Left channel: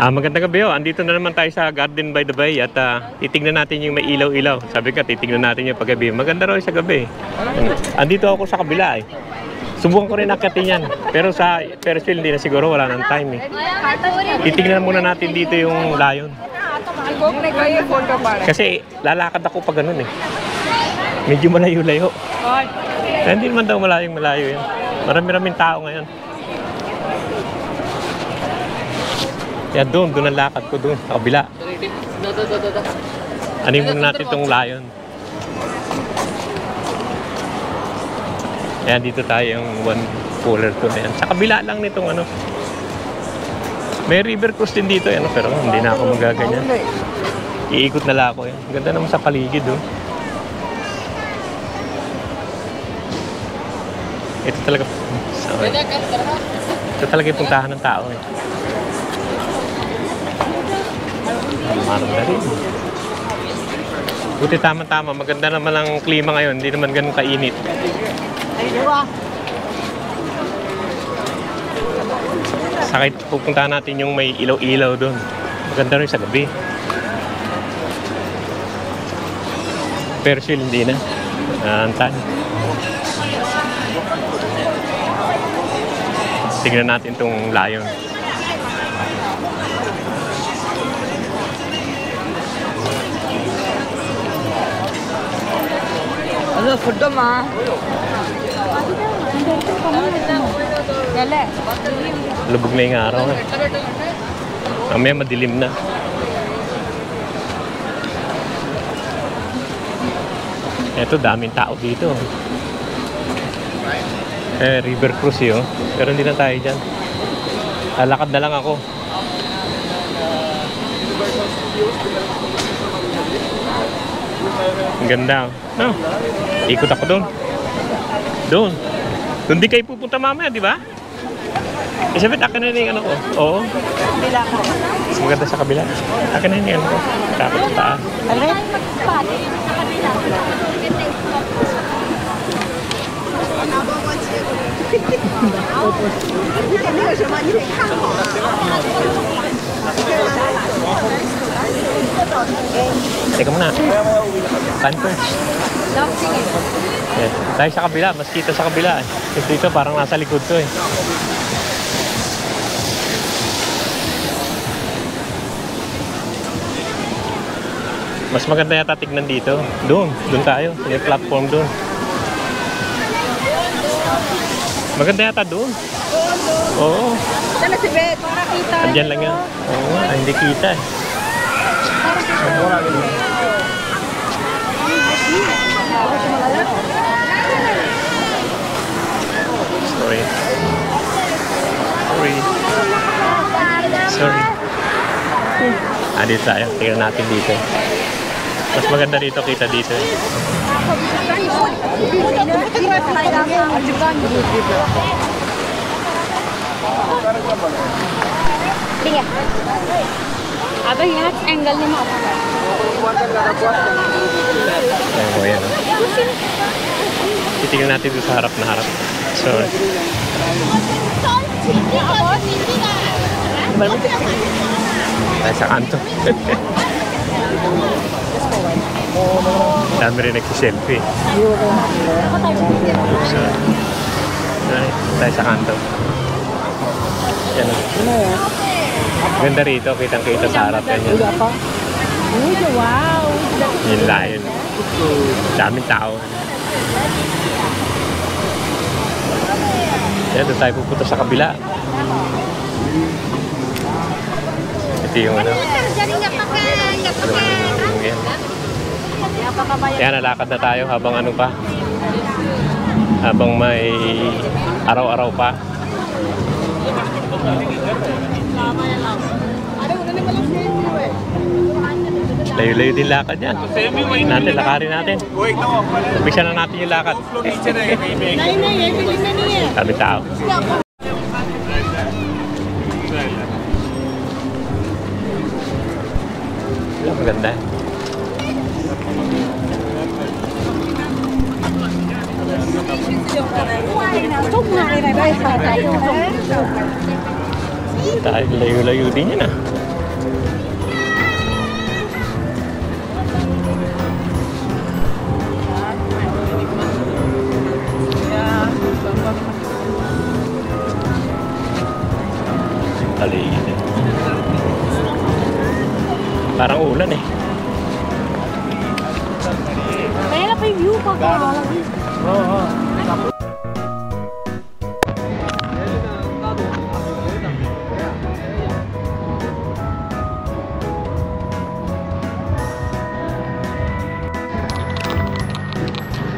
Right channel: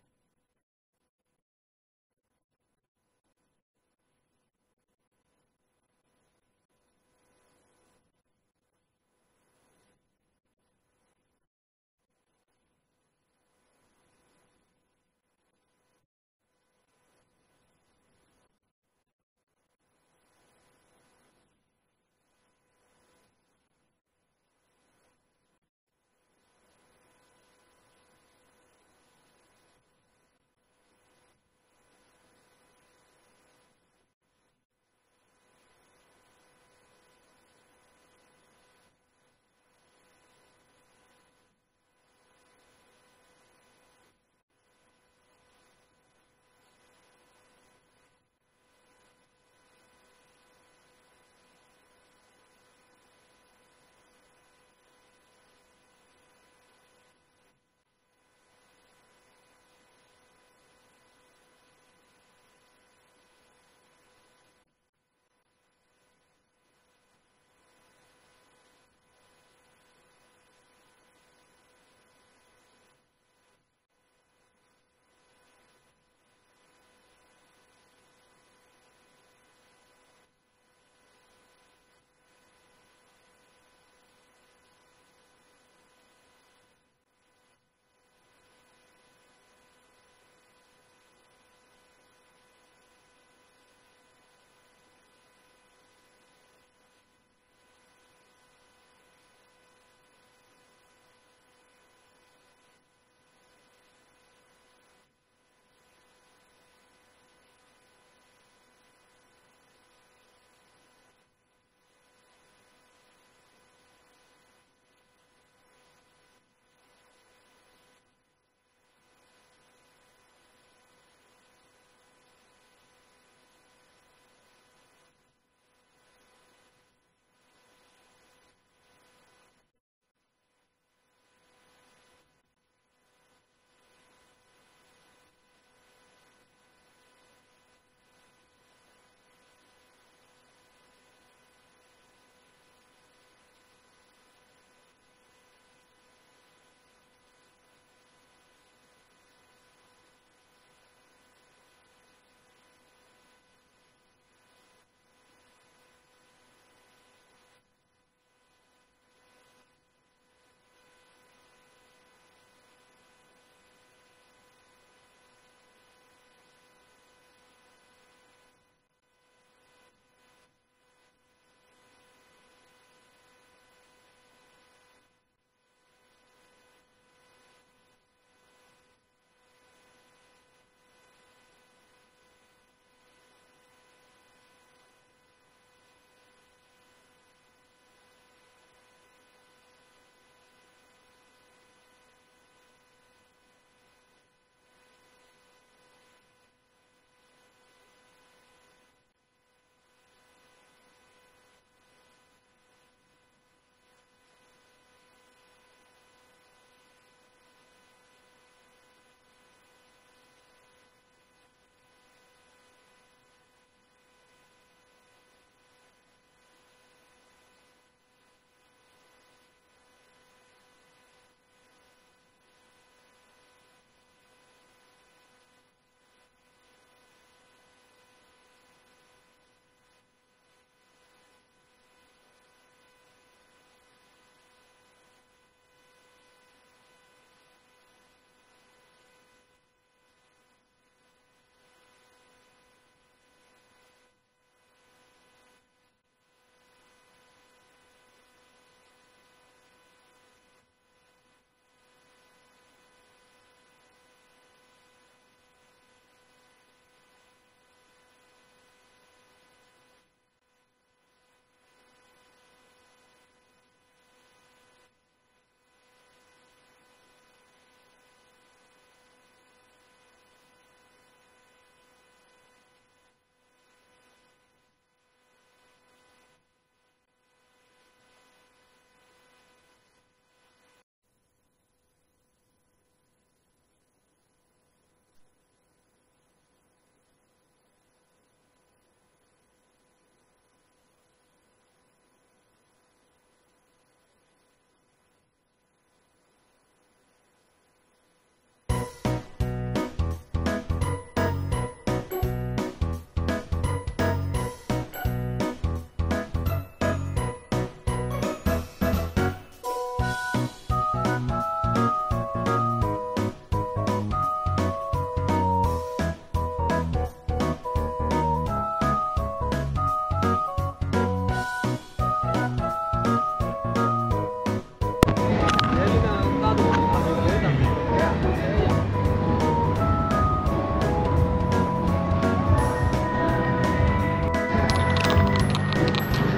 Magandang gabi oh. Andito na naman tayo sa Garden by the Bay at titignan natin yung may ilaw-ilaw. Sabi ka, titignan natin yung paggabi. Maganda raw sa gabi. Andito ako sa kabila eh. Subukan ko rin akitin yan. Pero sa Ferris wheel hindi na siguro, wala nang time eh. Titignan muna natin dito yung layon. Kasi lalakad ako pag ganun eh. Medyo malayo-layo. Hindi naman daw malayong-malayo yan. Marami-raming tao ngayon. Kaya doon ang lakad ko doon, sa kabila. Anin muna natin itong layon. Kaya dito tayo yung one cooler to na yan. Sa kabila lang nitong ano. May river cruise din dito, ano, pero hindi na ako magaganyan. Iikot na lang ako yan. Ganda naman sa paligid doon. Ito talaga. Ito talaga yung puntahan ng tao eh. Maranda rin. Buti tama-tama. Maganda naman ang klima ngayon. Hindi naman ganun kainit. Sakit pupuntahan natin yung may ilaw-ilaw doon. Maganda rin sa gabi. Ferris wheel hindi na. Antan. Tignan natin itong layon. Ano, food ma? Lubog na yung araw. Mamaya madilim na. Ito, daming tao dito. River cruise yun. Pero hindi na tayo dyan. Lalakad na lang ako. Ang ganda. No? Ikot ako doon. Doon. Doon di kayo pupunta mamaya, di ba? Isabit, akin na yung ano ko. Oo. Kabila ko. Mas maganda sa kabila. Akin na yung ano ko. Takot sa taas. Alright. Teka muna. Kanto. Yeah. Tayo sa kabila. Mas kita sa kabila. Kasi dito parang nasa likod to eh. Mas maganda yata tignan dito. Doon. Doon tayo. Sa platform doon. Maganda yata doon. Oo. Dala si Bet. Para kita. Andyan lang yan. Oo. Hindi kita eh. Sorry. Dito tayo. Tingnan natin dito. Mas maganda dito, kita dito. Tingnan. Abang ingat angle ni mo. Oo, yan. Titingnan natin dito sa harap na harap. Sorry. Tayo sa kanto. Dami rin nagsiselfie. Sorry. Tayo sa kanto. Yan. Ganda rito, kitang-kita sa harap yan. Wow! Yung layon. Daming tao. Yan, doon tayo pupunta sa kabila. Ito yung ano. Yan, nalakad na tayo habang ano pa. Habang may araw-araw pa. Layo-layo din lakad yan. Natin, lakarin natin. Umpisa na natin yung lakad. Sabi tao. Ang ganda. Tayo layo-layo din yan ah. Paligid eh. Parang ulan eh. Kaya na pa yung view pa.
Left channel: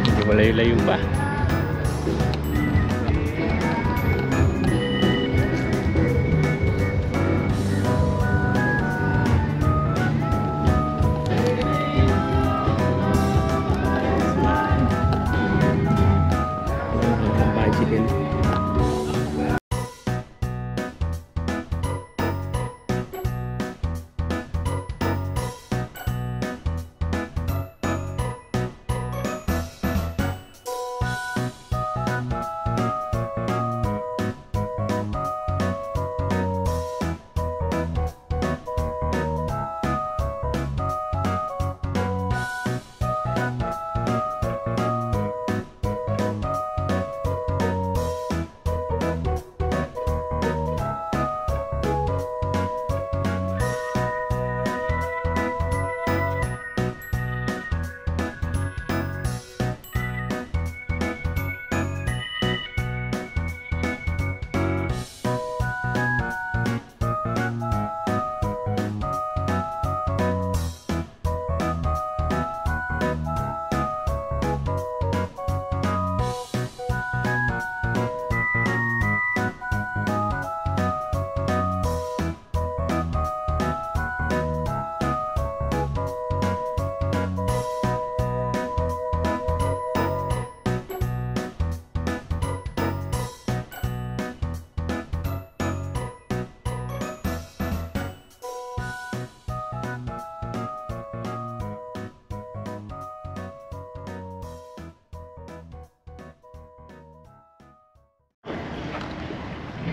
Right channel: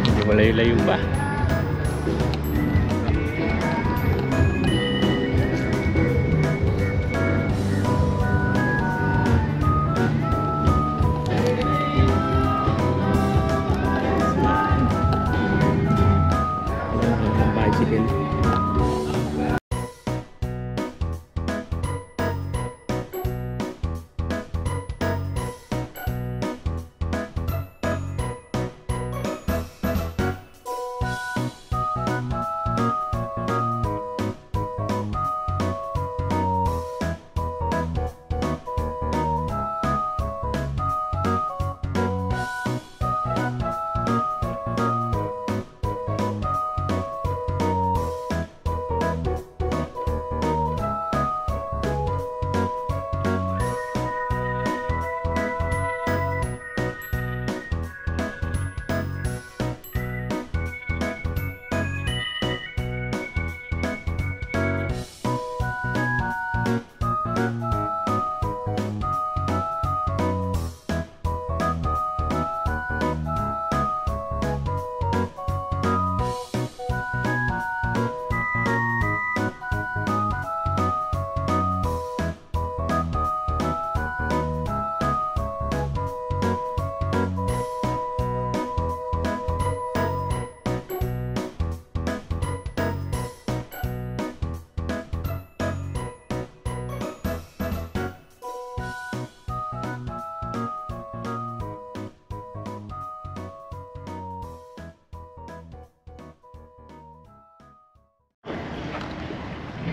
Medyo malayo-layo pa. Bicycle.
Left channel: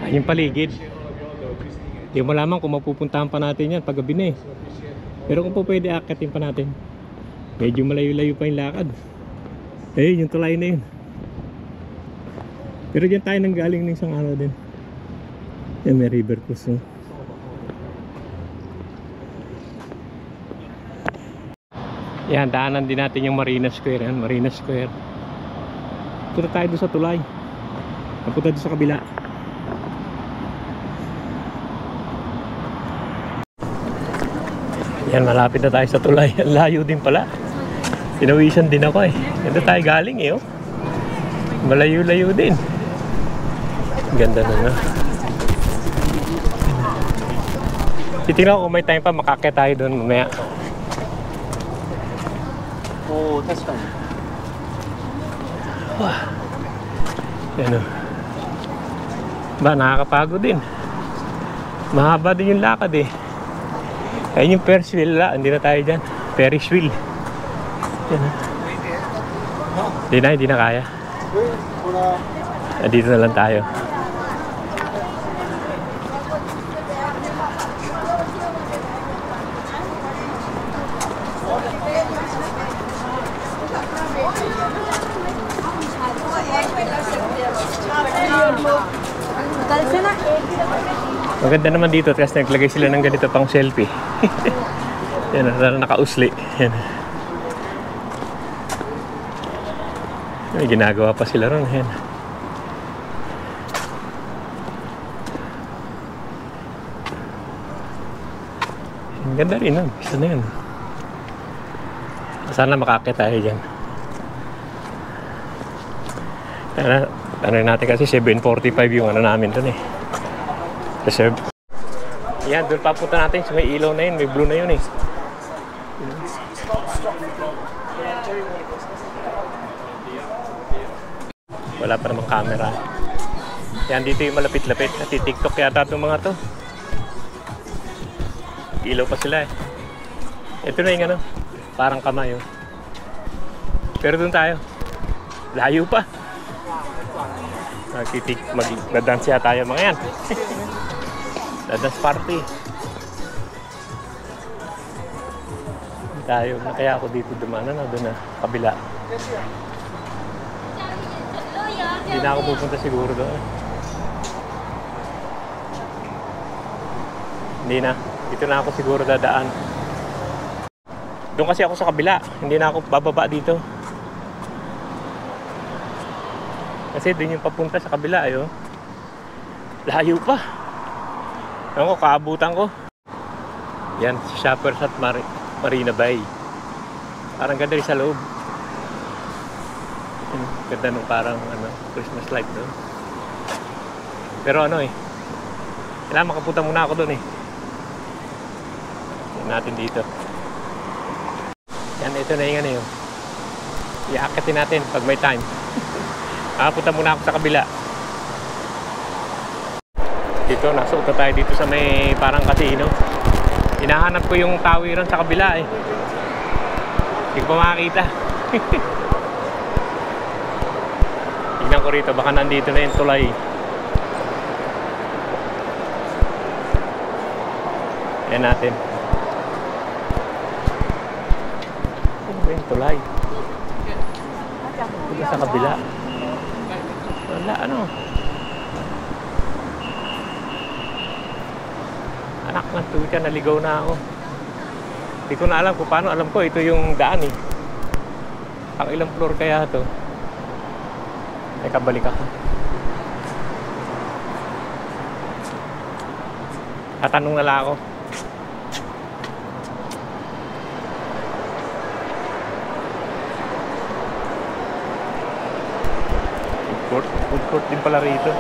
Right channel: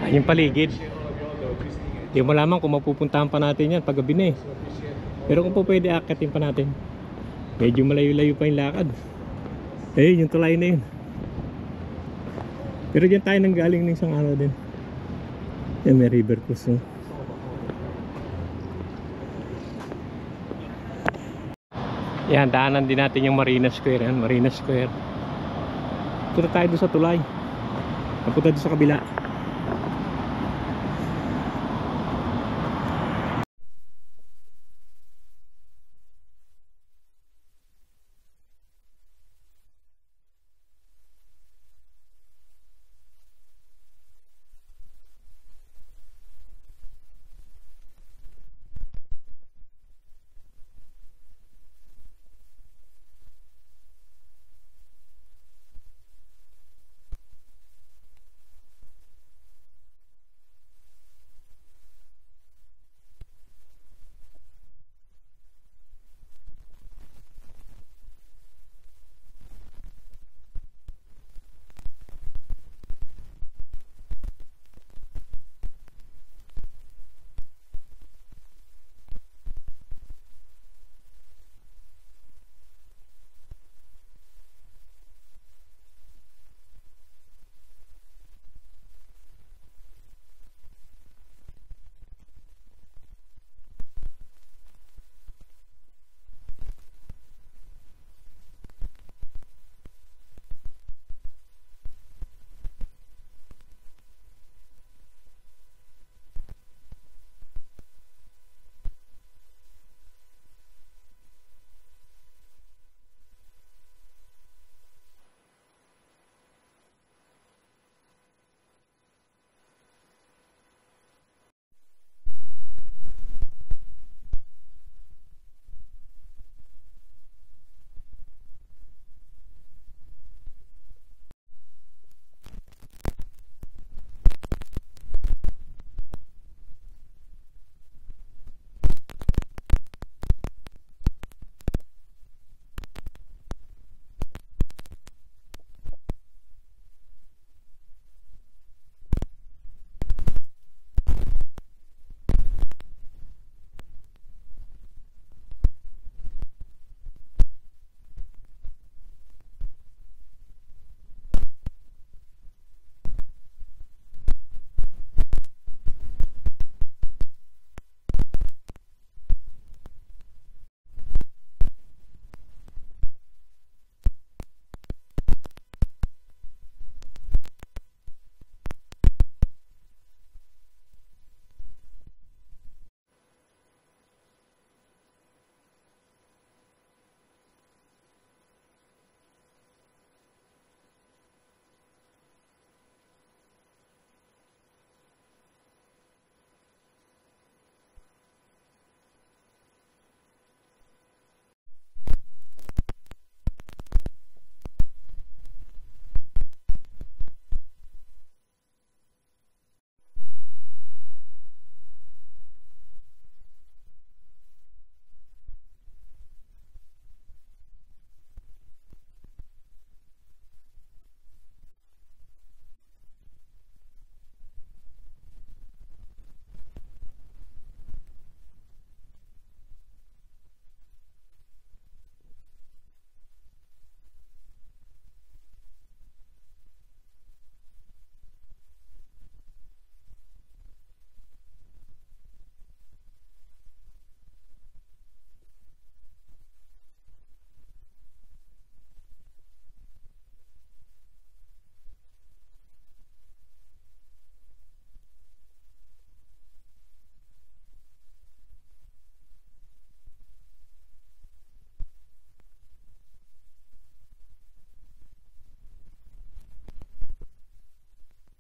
Yung paligid. Hindi mo malaman kung mapupuntahan pa natin yan pag gabi na eh. Pero kung po pwede akitin pa natin. Medyo malayo-layo pa yung lakad. Eh, yung tulay na yun. Pero dyan tayo nang galing ng isang araw din. Yan, may river cruise. No? Yan, daanan din natin yung Marina Square. Yan, Marina Square. Punta tayo doon sa tulay. Punta doon sa kabila. Yan, malapit na tayo sa tulay. Layo din pala. Pinawisan din ako eh. Ganda tayo galing eh oh. Malayo-layo din. Ganda na no. Titignan ko kung may time pa makakit tayo doon mamaya. Oo, test time. Wah. Yan oh. Ba, nakakapagod din. Mahaba din yung lakad eh. Ayun yung Ferris wheel la, hindi na tayo dyan. Ferris wheel. Yan ha. Hindi na kaya. Dito na lang tayo. Maganda naman dito kasi naglagay sila ng ganito pang selfie. Yan, nakausli. Yan. May ginagawa pa sila ron. Yan. Ang ganda rin nun. Isa na yun. Sana makakit tayo dyan. Ano natin kasi 7:45 yung ano namin dun eh. Reserve. Yan, doon papunta natin sa may ilaw na yun. May blue na yun eh. Wala pa namang camera. Yan, dito yung malapit-lapit. Nati-tiktok yata itong mga to. Ilaw pa sila eh. Ito na yung ano. Parang kamay oh. Pero doon tayo. Layo pa. Mag-dance tayo mga yan. Dadas party. Tayo, kaya ako dito dumaan, ano, doon na, kabila. Hindi na ako pupunta siguro doon. Hindi na, dito na ako siguro dadaan. Doon kasi ako sa kabila, hindi na ako bababa dito. Kasi doon yung papunta sa kabila, ayo. Layo pa. Ewan ko, kaabutan ko. Yan, Shoppers at Marina Bay. Parang ganda rin sa loob. Ganda nung parang ano, Christmas light doon. Pero ano eh, kailangan makapunta muna ako doon eh. Yan natin dito. Yan, ito na yung ano yun. Iakatin natin pag may time. Punta muna ako sa kabila. Dito, nasuot na tayo dito sa may parang casino. Hinahanap ko yung tawiran sa kabila eh. Hindi ko makakita. Tingnan ko rito, baka nandito na yung tulay. Ayan natin. Ano ba yung tulay? Dito sa kabila. Wala, ano? Anak ng tuta, naligaw na ako. Hindi ko na alam kung paano. Alam ko, ito yung daan eh. Ang ilang floor kaya ito. Teka, balik ako. Tatanong na lang ako. Food court din pala rito.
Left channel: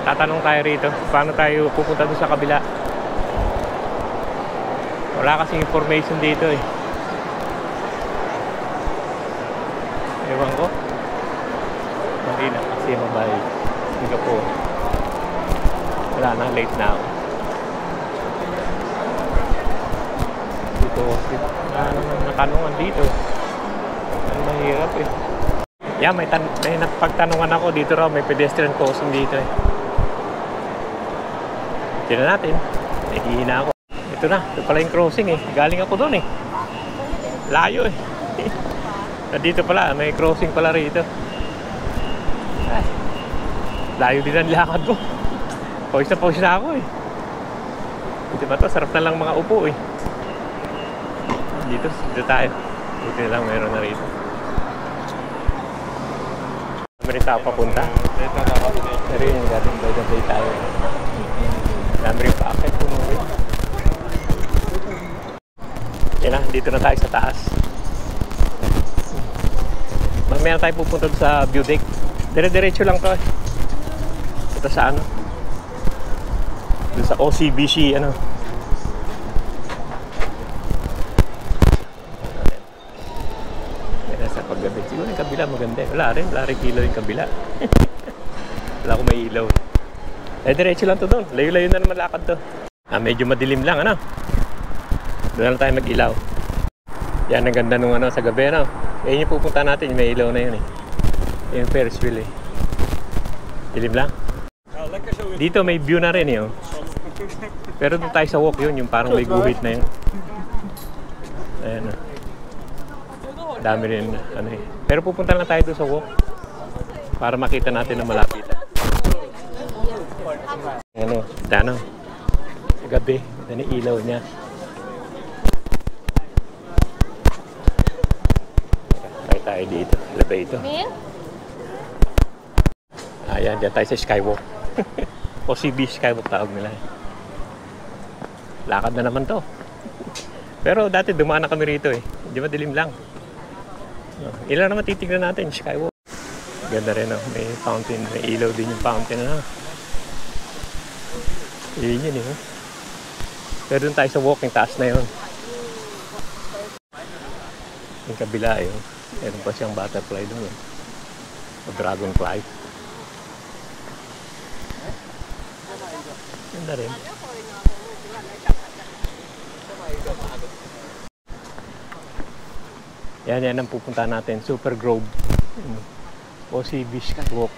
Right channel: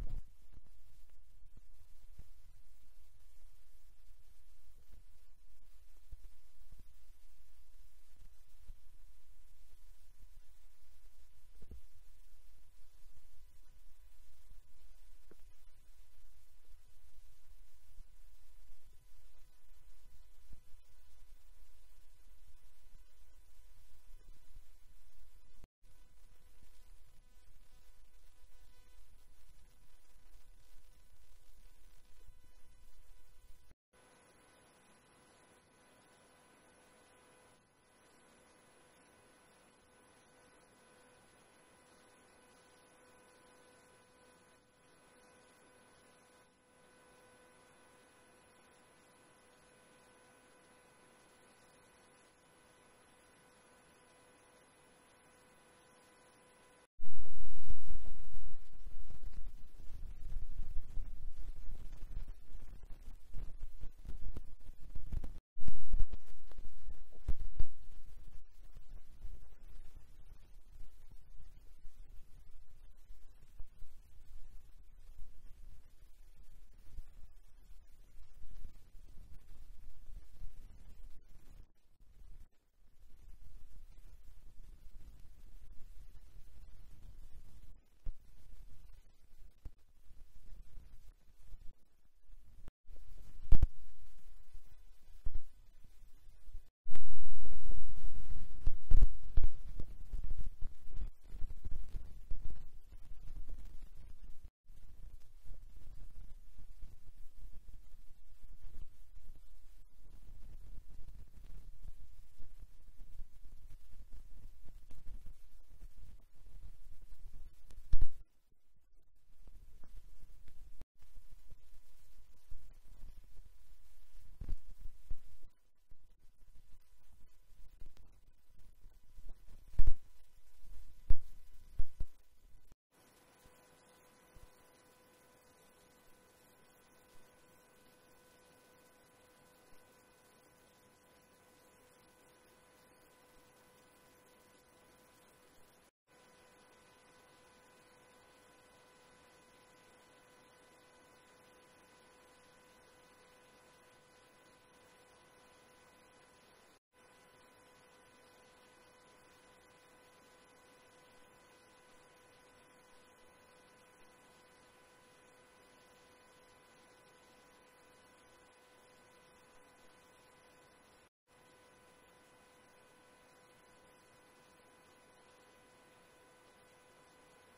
Tatanong tayo rito, paano tayo pupunta doon sa kabila. Wala kasing information dito eh. Ewan ko. Hindi na kasi mabay. Singapore. Wala na, late na ako. Dito, natanungan dito. Ang mahirap eh. Yeah, may napagtanungan ako dito raw, may pedestrian crossing dito eh. Tignan natin. Nahihina ako. Ito na, ito pala yung crossing eh. Galing ako doon eh. Layo eh. Dito pala, may crossing pala rito. Ay, layo din ang lakad ko. Pawis na ako eh. Dito ba ito? Sarap na lang mga upo eh. Dito tayo. Dito na lang, mayroon na rito. Dami rin tao papunta. Pero yun, galing by the bay tayo. Dami rin paakit puno rin. Yan na, dito na tayo sa taas. Mamaya na tayo pupunta sa view deck. Dire-diretso lang to eh. Ito sa ano? Doon sa OCBC ano. Yan sa paggabi. Siguro yung kabila maganda. Wala rin ilaw yung kabila. Wala akong may ilaw. Eh, diretso lang to doon. Layo-layo na naman lakad to. Medyo madilim lang, ano? Doon na tayo mag-ilaw. Yan, ang ganda nung ano, sa gabi, ano? Eh, yung pupunta natin, may ilaw na yun, eh. Yung Ferris wheel, eh. Dilim lang. Dito, may view na rin, eh, oh. Pero doon tayo sa walk yun, yung parang may guhit na yun. Ayan, oh. Dami rin, ano, eh. Pero pupunta lang tayo doon sa walk. Para makita natin na malapit. Ano, dano. Sa gabi, ito na ilaw niya. Tayo tayo dito. Labay ito. Ayan, dyan tayo sa Skywalk. OCB Skywalk tawag nila. Lakad na naman to. Pero dati dumaan na kami rito eh. Hindi madilim lang. Ilan naman titignan natin, Skywalk. Ganda rin, oh. May fountain, may ilaw din yung fountain na. Yun yun, eh. Pero doon tayo sa walking, taas na yun. Yung kabila, eh. Meron pa siyang butterfly doon, eh. O dragonfly. Ganda rin. Yan ang pupunta natin. Super Grove. OCB Skywalk.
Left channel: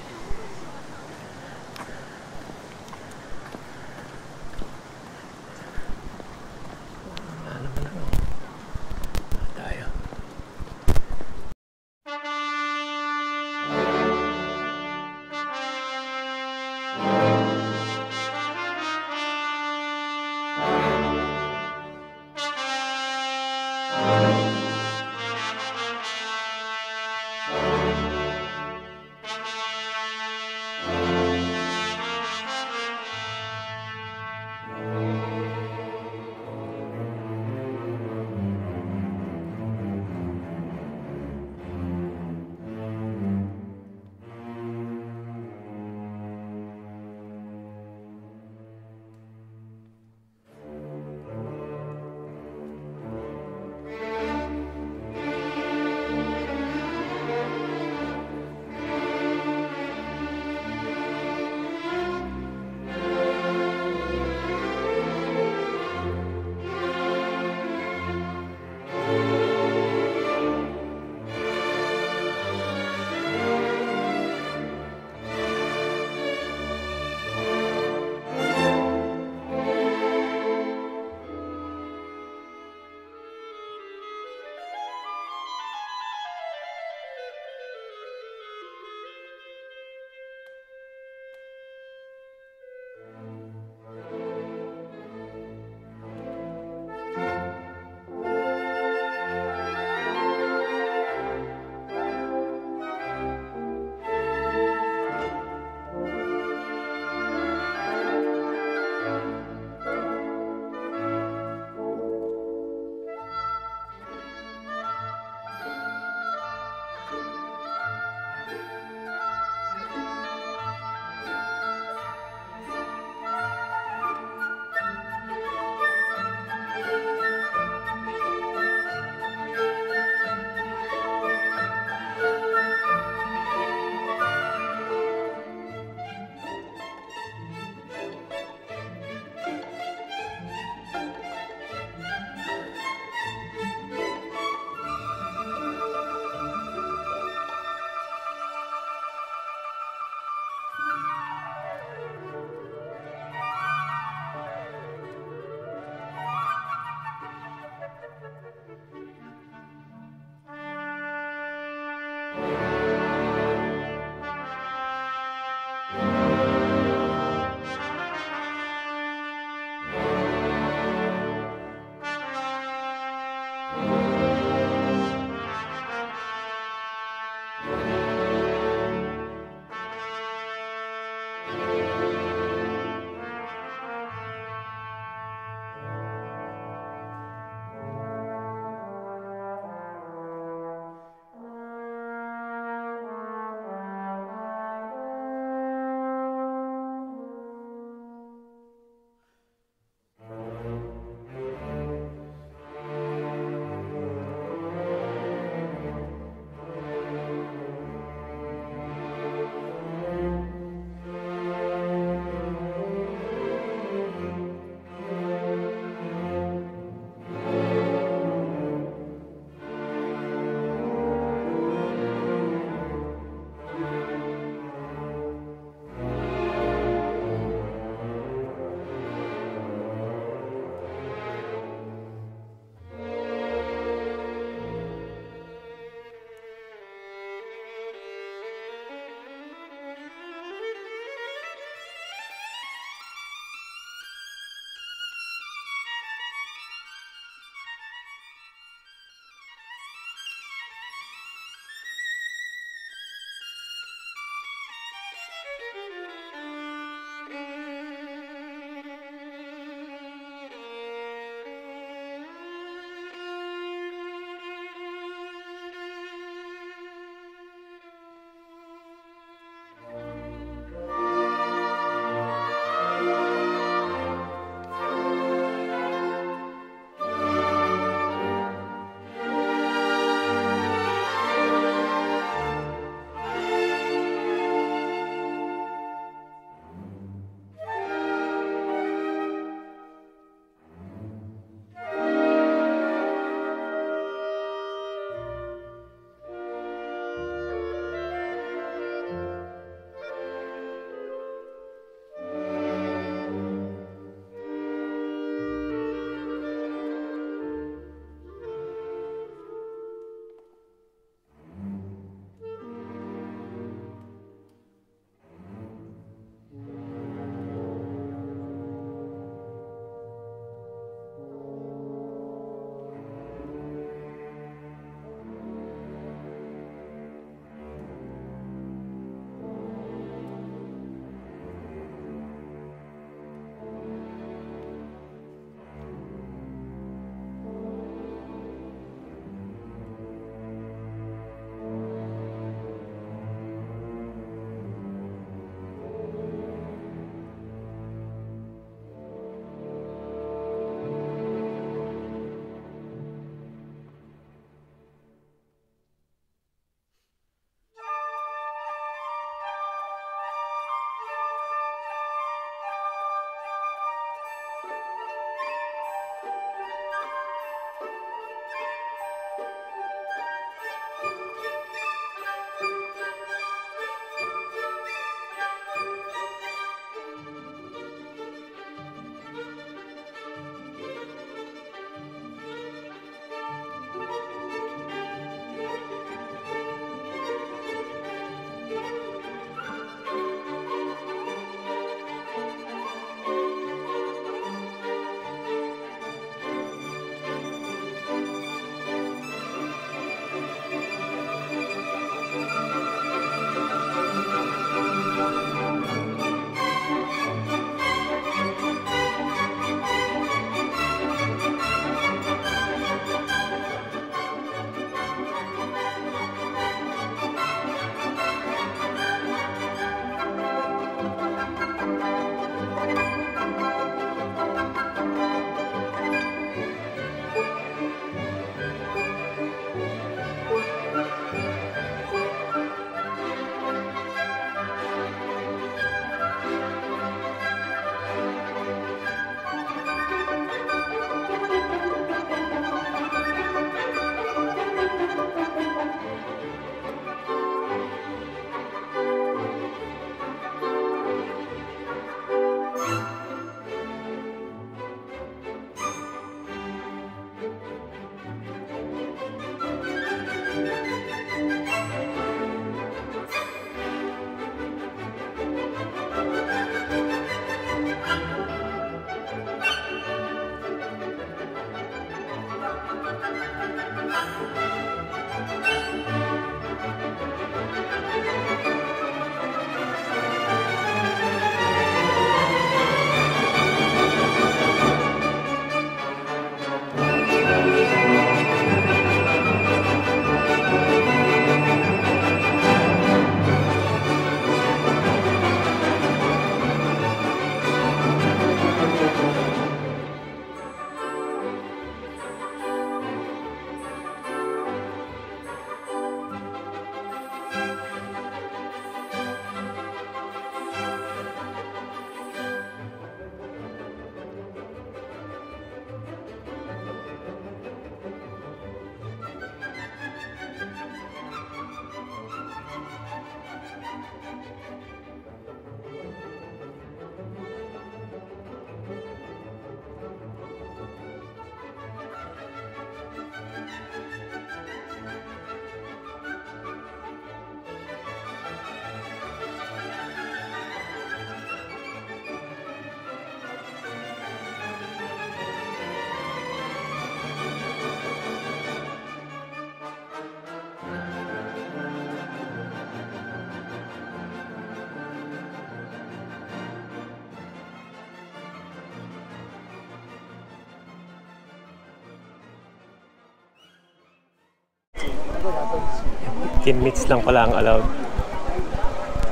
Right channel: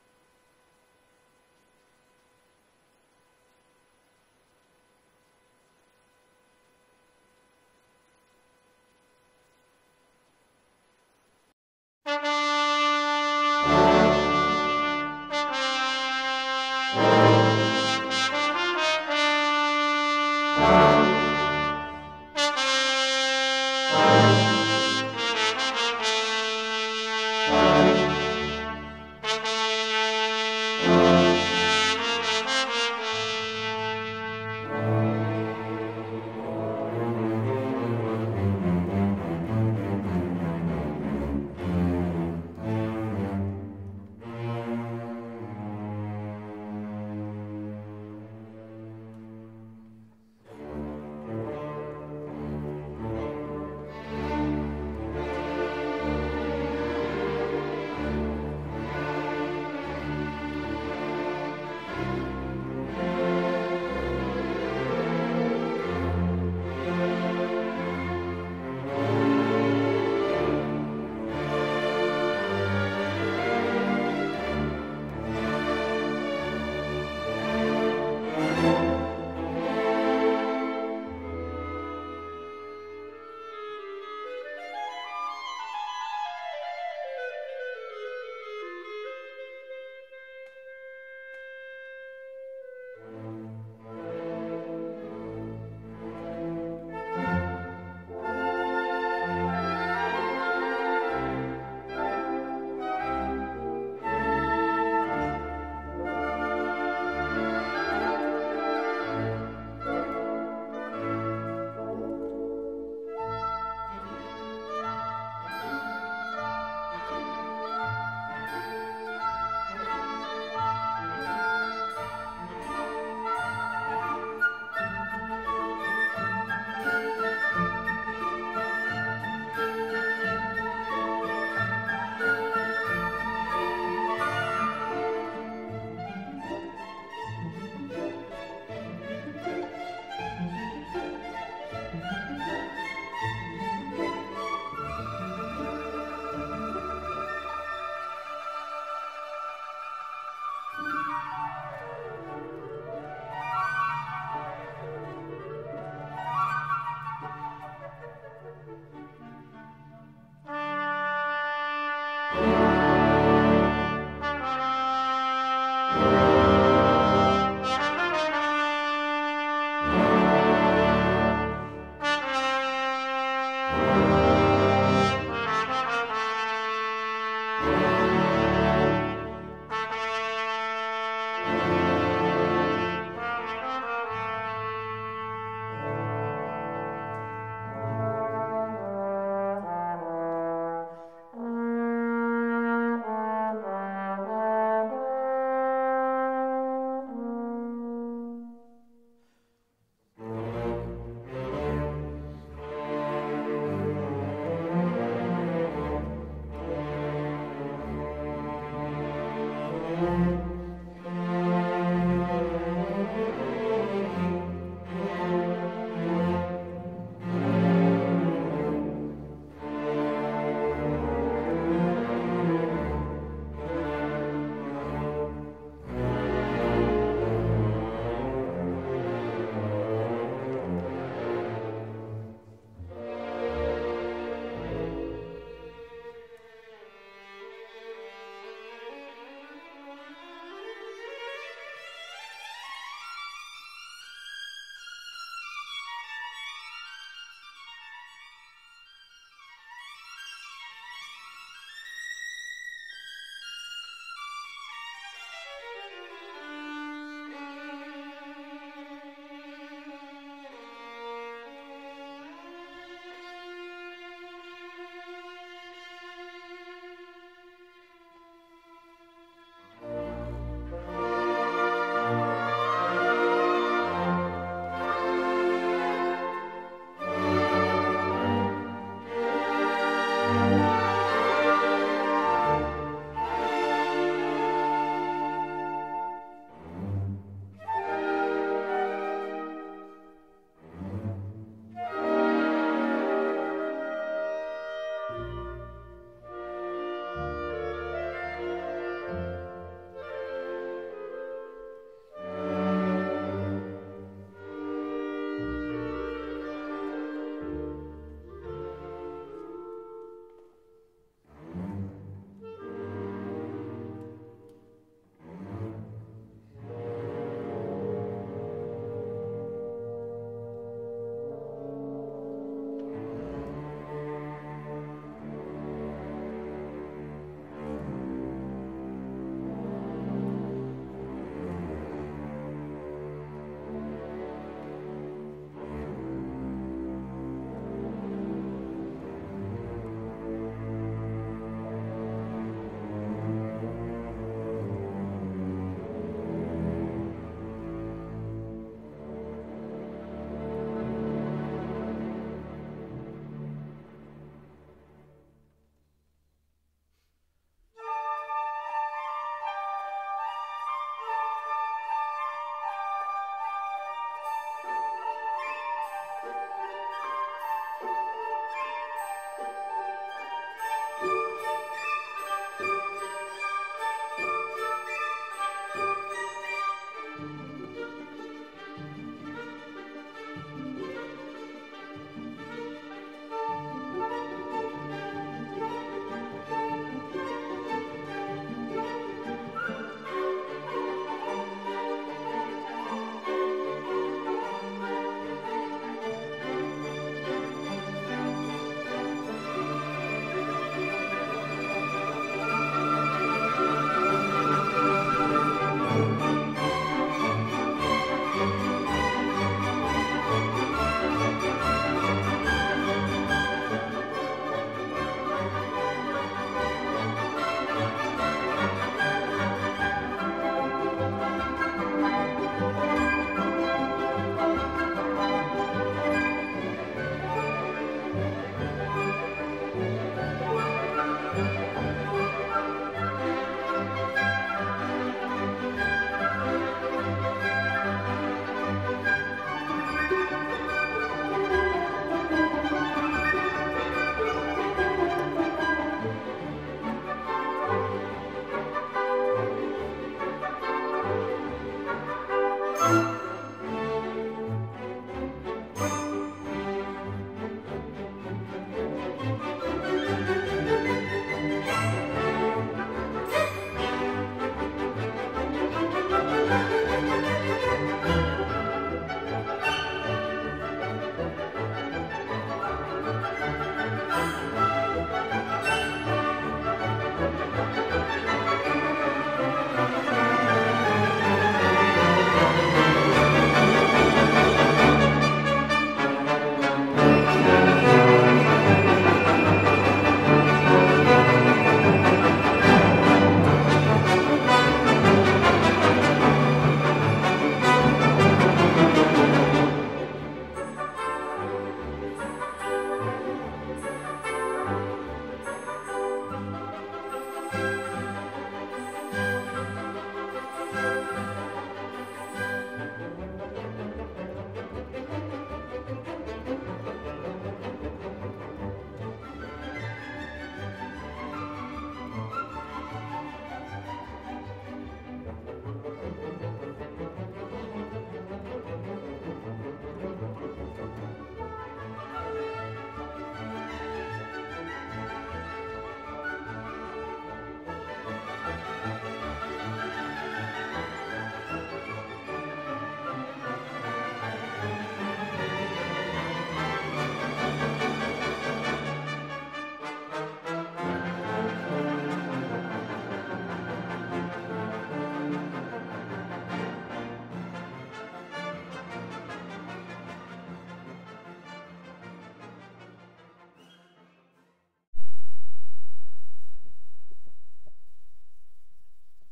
15 minutes lang pala ang allowed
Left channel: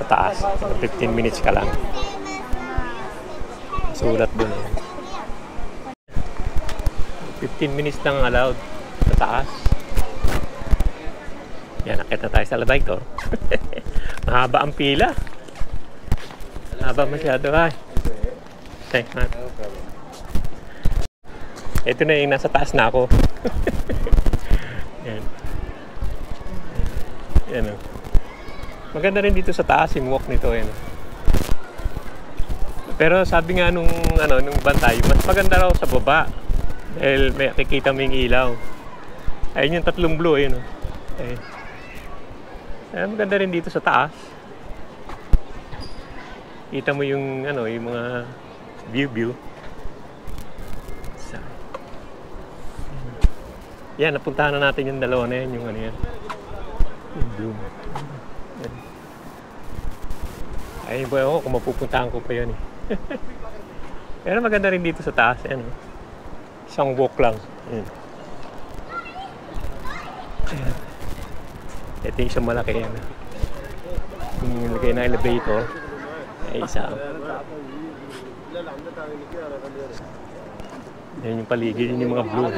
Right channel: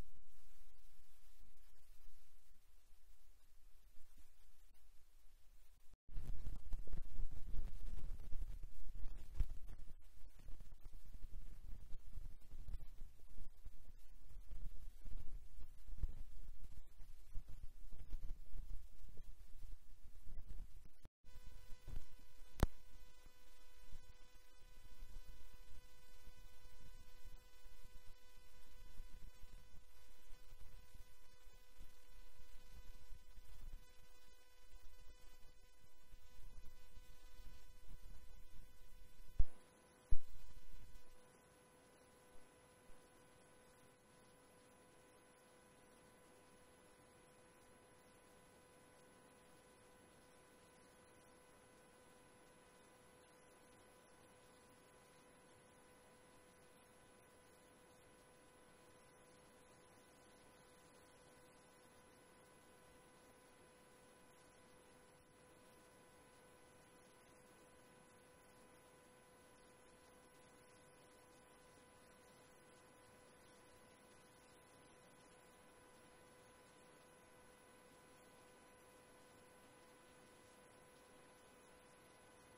sa taas. 15 minutes ka lang. Sulat dun. 15 minutes lang allowed sa taas. Yan, nakita tayo sa elevator. Mahaba ang pila. Mahaba masyado ay. Thanks man. Ito na yung nasa taas na ako. Yan. Yan o. Maganda rin dito sa taas yung walk nito. Yan. Pero sabi nga nung bantay, mas maganda raw sa baba. Dahil may kikita mo yung ilaw. Ayun yung tatlong blue. Ayun o. Ayun. Maganda rin dito sa taas. Kita mo yung yung mga view. Yan, napuntahan na natin yung dalawa na yan, yung yan. Yung bloom. Yan. Ayun po ako kung mapupuntahan ko pa yun eh. Pero maganda rin dito sa taas, yan. Isang walk lang. Yan. Ayan. Ito yung isang malaki yan. Yung nilagay na elevator ay isa. Yan yung paligid, yun yung mga blue.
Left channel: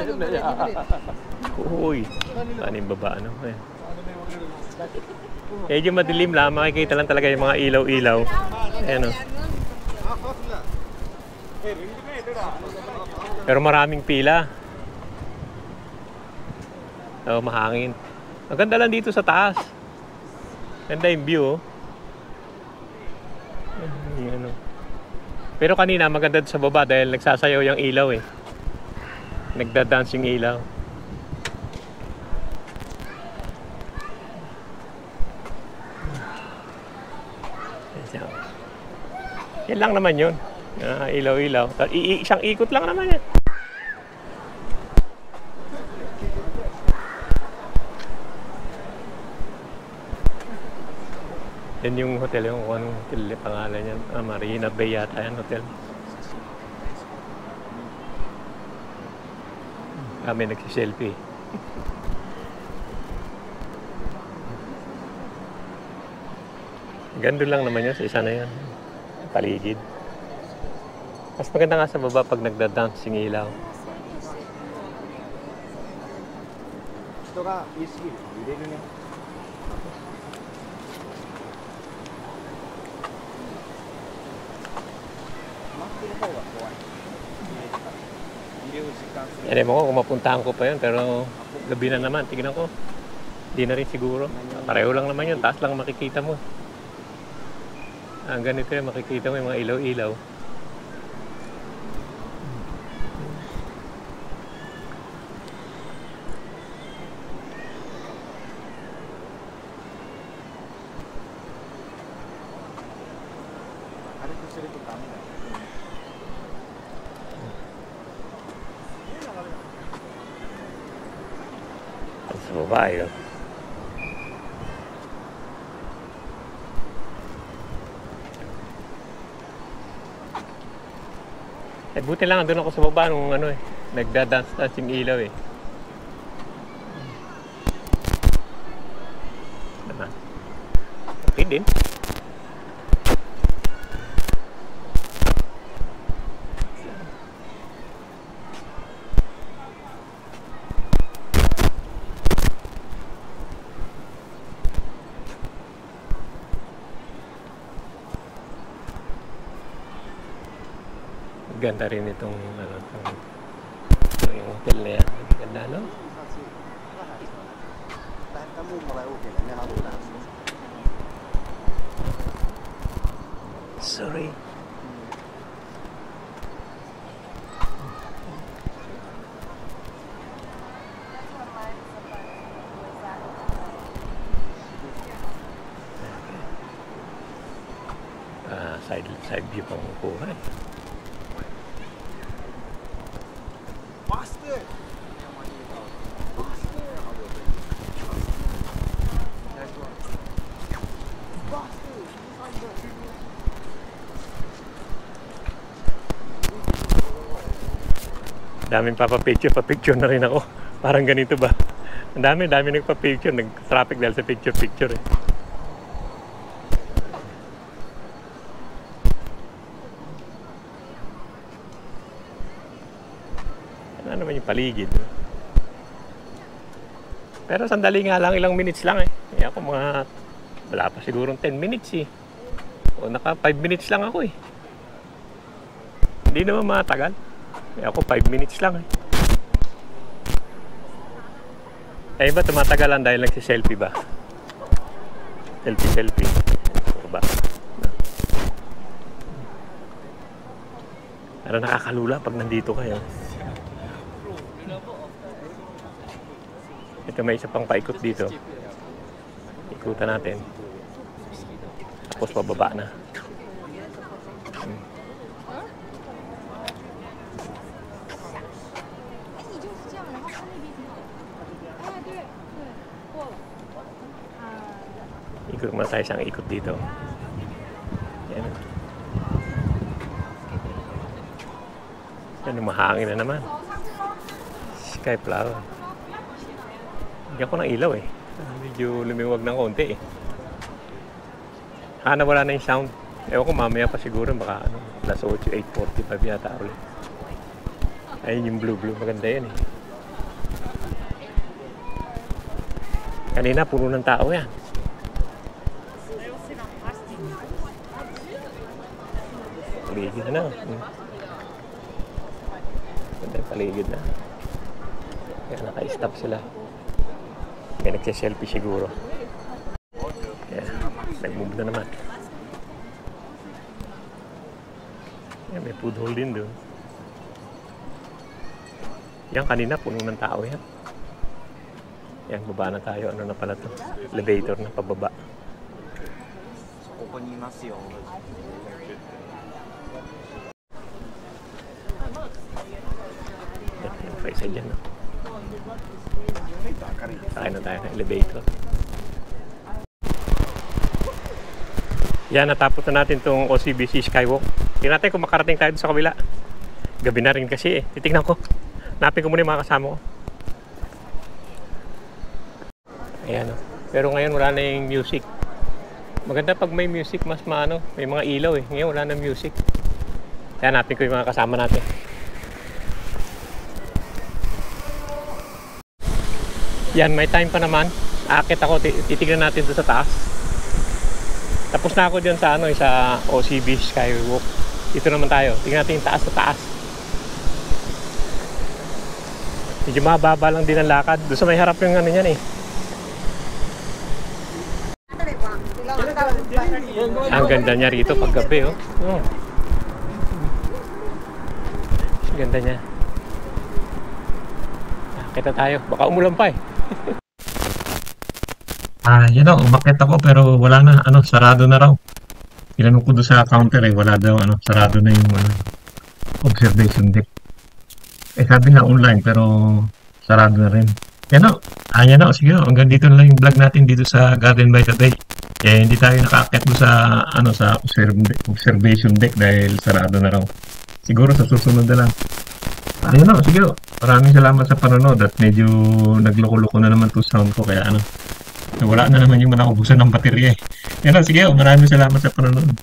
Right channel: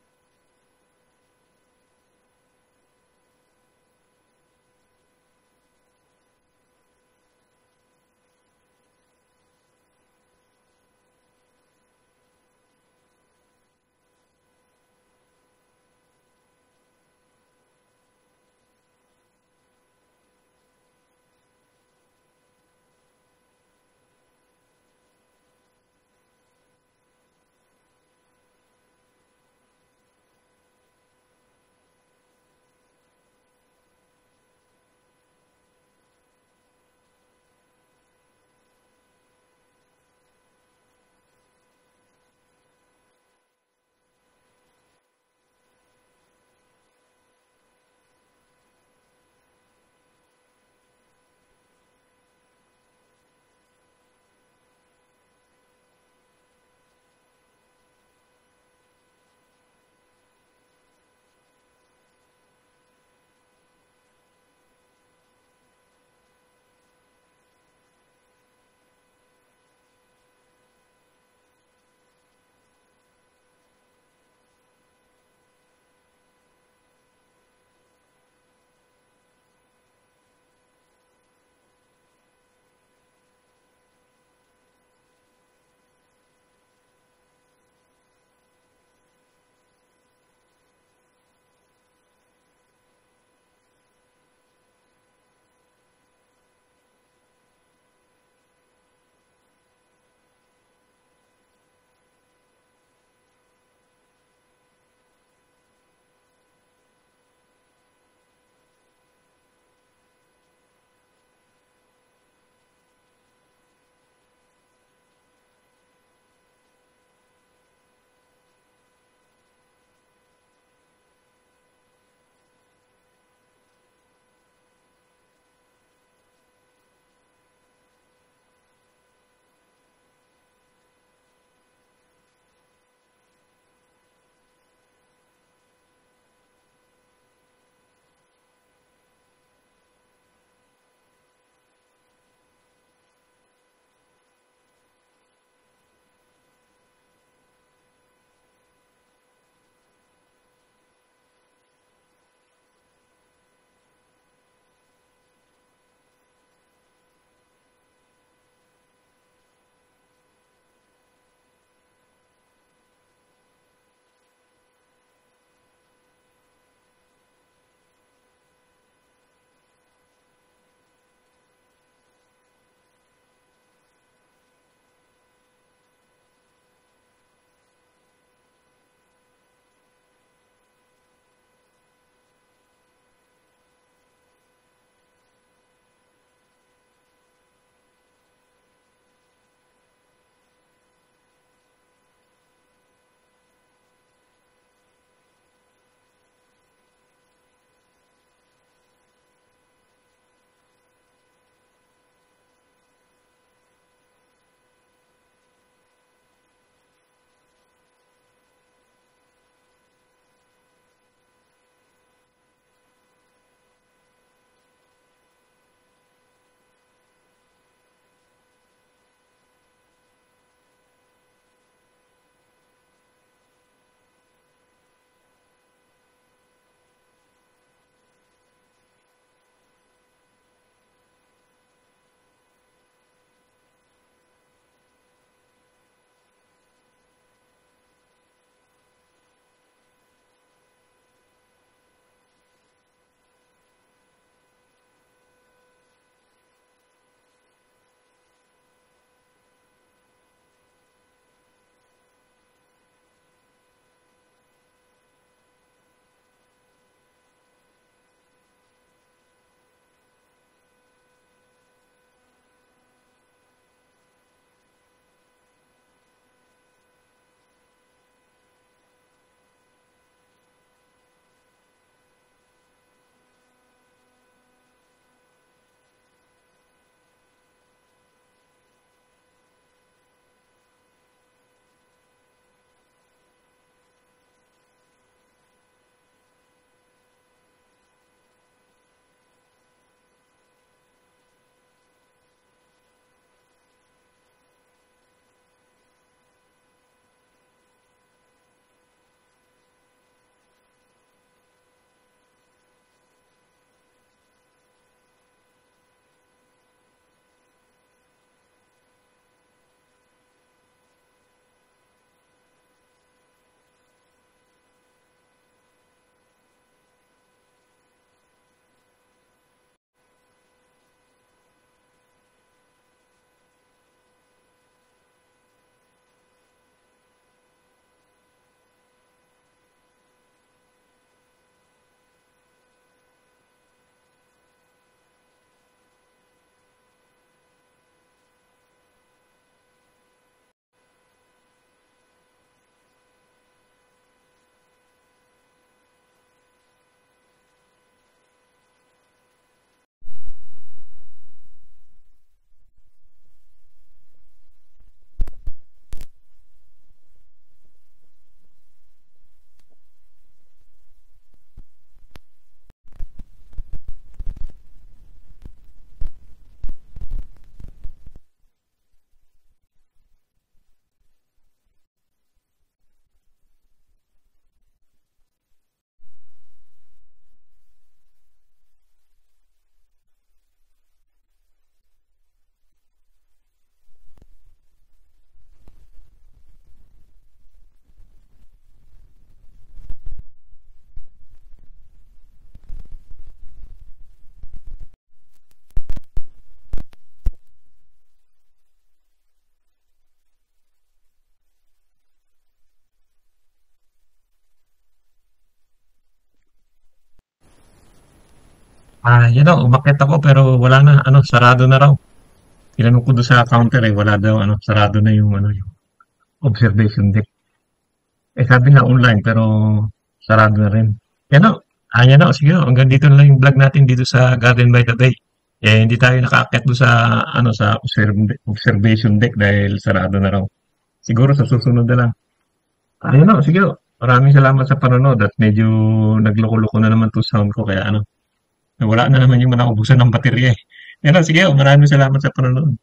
Uy, paano yung baba, ano? Medyo madilim lang, makikita lang talaga yung mga ilaw-ilaw. Ayan o. Pero maraming pila. So, mahangin. Maganda lang dito sa taas. Ganda yung view, oh. Ayan, oh. Pero kanina maganda sa baba dahil nagsasayaw yung ilaw eh. Nagda-dance yung ilaw. Yan lang naman yun. Ilaw-ilaw. Isang ikot lang naman yan. Yan yung hotel, yung anong hotel pangalan yan. Marina Bay yata yan hotel. Kami nagsiselfie. Ganda lang naman yun sa isa na yan. Paligid. Mas maganda nga sa baba pag nagda-dance yung ilaw. Ito ka, easy. Hindi rin yan. Yan mo ko kung mapuntahan ko pa yun, pero gabi na naman, tignan ko. Hindi na rin siguro. Pareho lang naman yun, taas lang makikita mo. Ang ganito yun, makikita mo yung mga ilaw-ilaw. Sa babae yun. Eh, buti lang, doon ako sa baba nung nagda-dance-dance yung ilaw eh. Naman. Okay din. Ganda rin itong yung hotel na yan. Ganda, no? Sorry. Side view pang kuha. Daming papapicture na rin ako. Parang ganito ba? Ang dami nagpa-picture, nag-traffic dahil sa picture eh. Ano naman yung paligid. Pero sandali nga lang, ilang minutes lang eh. Kaya ako wala pa sigurong 10 minutes eh. O naka 5 minutes lang ako eh. Hindi naman matagal. Kaya ako 5 minutes lang eh. Eh ba tumatagalan dahil nagsiselfie ba? Selfie. O ba? Pero nakakalula pag nandito kayo. Ito may isa pang paikot dito. Ikutan natin. Tapos pababa na. Ikot muna tayo siyang ikot dito. Yan. Yan, mahangin na naman. Sky flower. Hindi ako ng ilaw eh. Medyo lumiwag ng konti eh. Wala na yung sound. Ewan ko mamaya pa siguro baka alas 8, 8:45 yata ulit. Ayun yung blue. Maganda yan eh. Kanina puno ng tao yan. Paligid na. Ganda yung paligid na. Kaya naka-stop sila. May nagsiselfie siguro. Kaya nag-move na naman. Kaya may food hall din doon. Yan kanina puno ng tao yan. Yan, baba na tayo. Ano na pala to? Elevator na pababa. Yan, yung paisa dyan. No? Sakay na tayo ng elevator. Yan, natapos na natin itong OCBC Skywalk. Tingnan natin kung makarating tayo sa kabila. Gabi na rin kasi eh. Titignan ko. Hanapin ko muna yung mga kasama ko. Ayan o. Pero ngayon wala na yung music. Maganda pag may music, mas maano. May mga ilaw eh. Ngayon wala na music. Kaya hanapin ko yung mga kasama natin. Yan, may time pa naman. Aakit ako, titignan natin doon sa taas. Tapos na ako dyan sa sa OCB Skywalk. Dito naman tayo. Tingnan natin yung taas sa taas. Medyo mababa lang din ang lakad. Doon sa may harap yung yan eh. Ang ganda niya rito pag gabi oh. Ang ganda niya. Kita tayo. Baka umulan pa eh. Yan o, umakyat ako pero wala na, sarado na raw. Tinanong ko doon sa counter wala daw, sarado na yung, yung observation deck. Sabi nga online pero sarado na rin. Yan o, yan o, sige o, hanggang dito na lang yung vlog natin dito sa Garden by the Bay. Hindi tayo nakaakyat doon sa, sa observation deck dahil sarado na raw. Siguro sa susunod na lang. Ayun o, sige o. Maraming salamat sa panonood at medyo nagloko-loko na naman to sound ko kaya wala na naman yung naubusan ng baterya eh. Yan o, sige o. Maraming salamat sa panonood.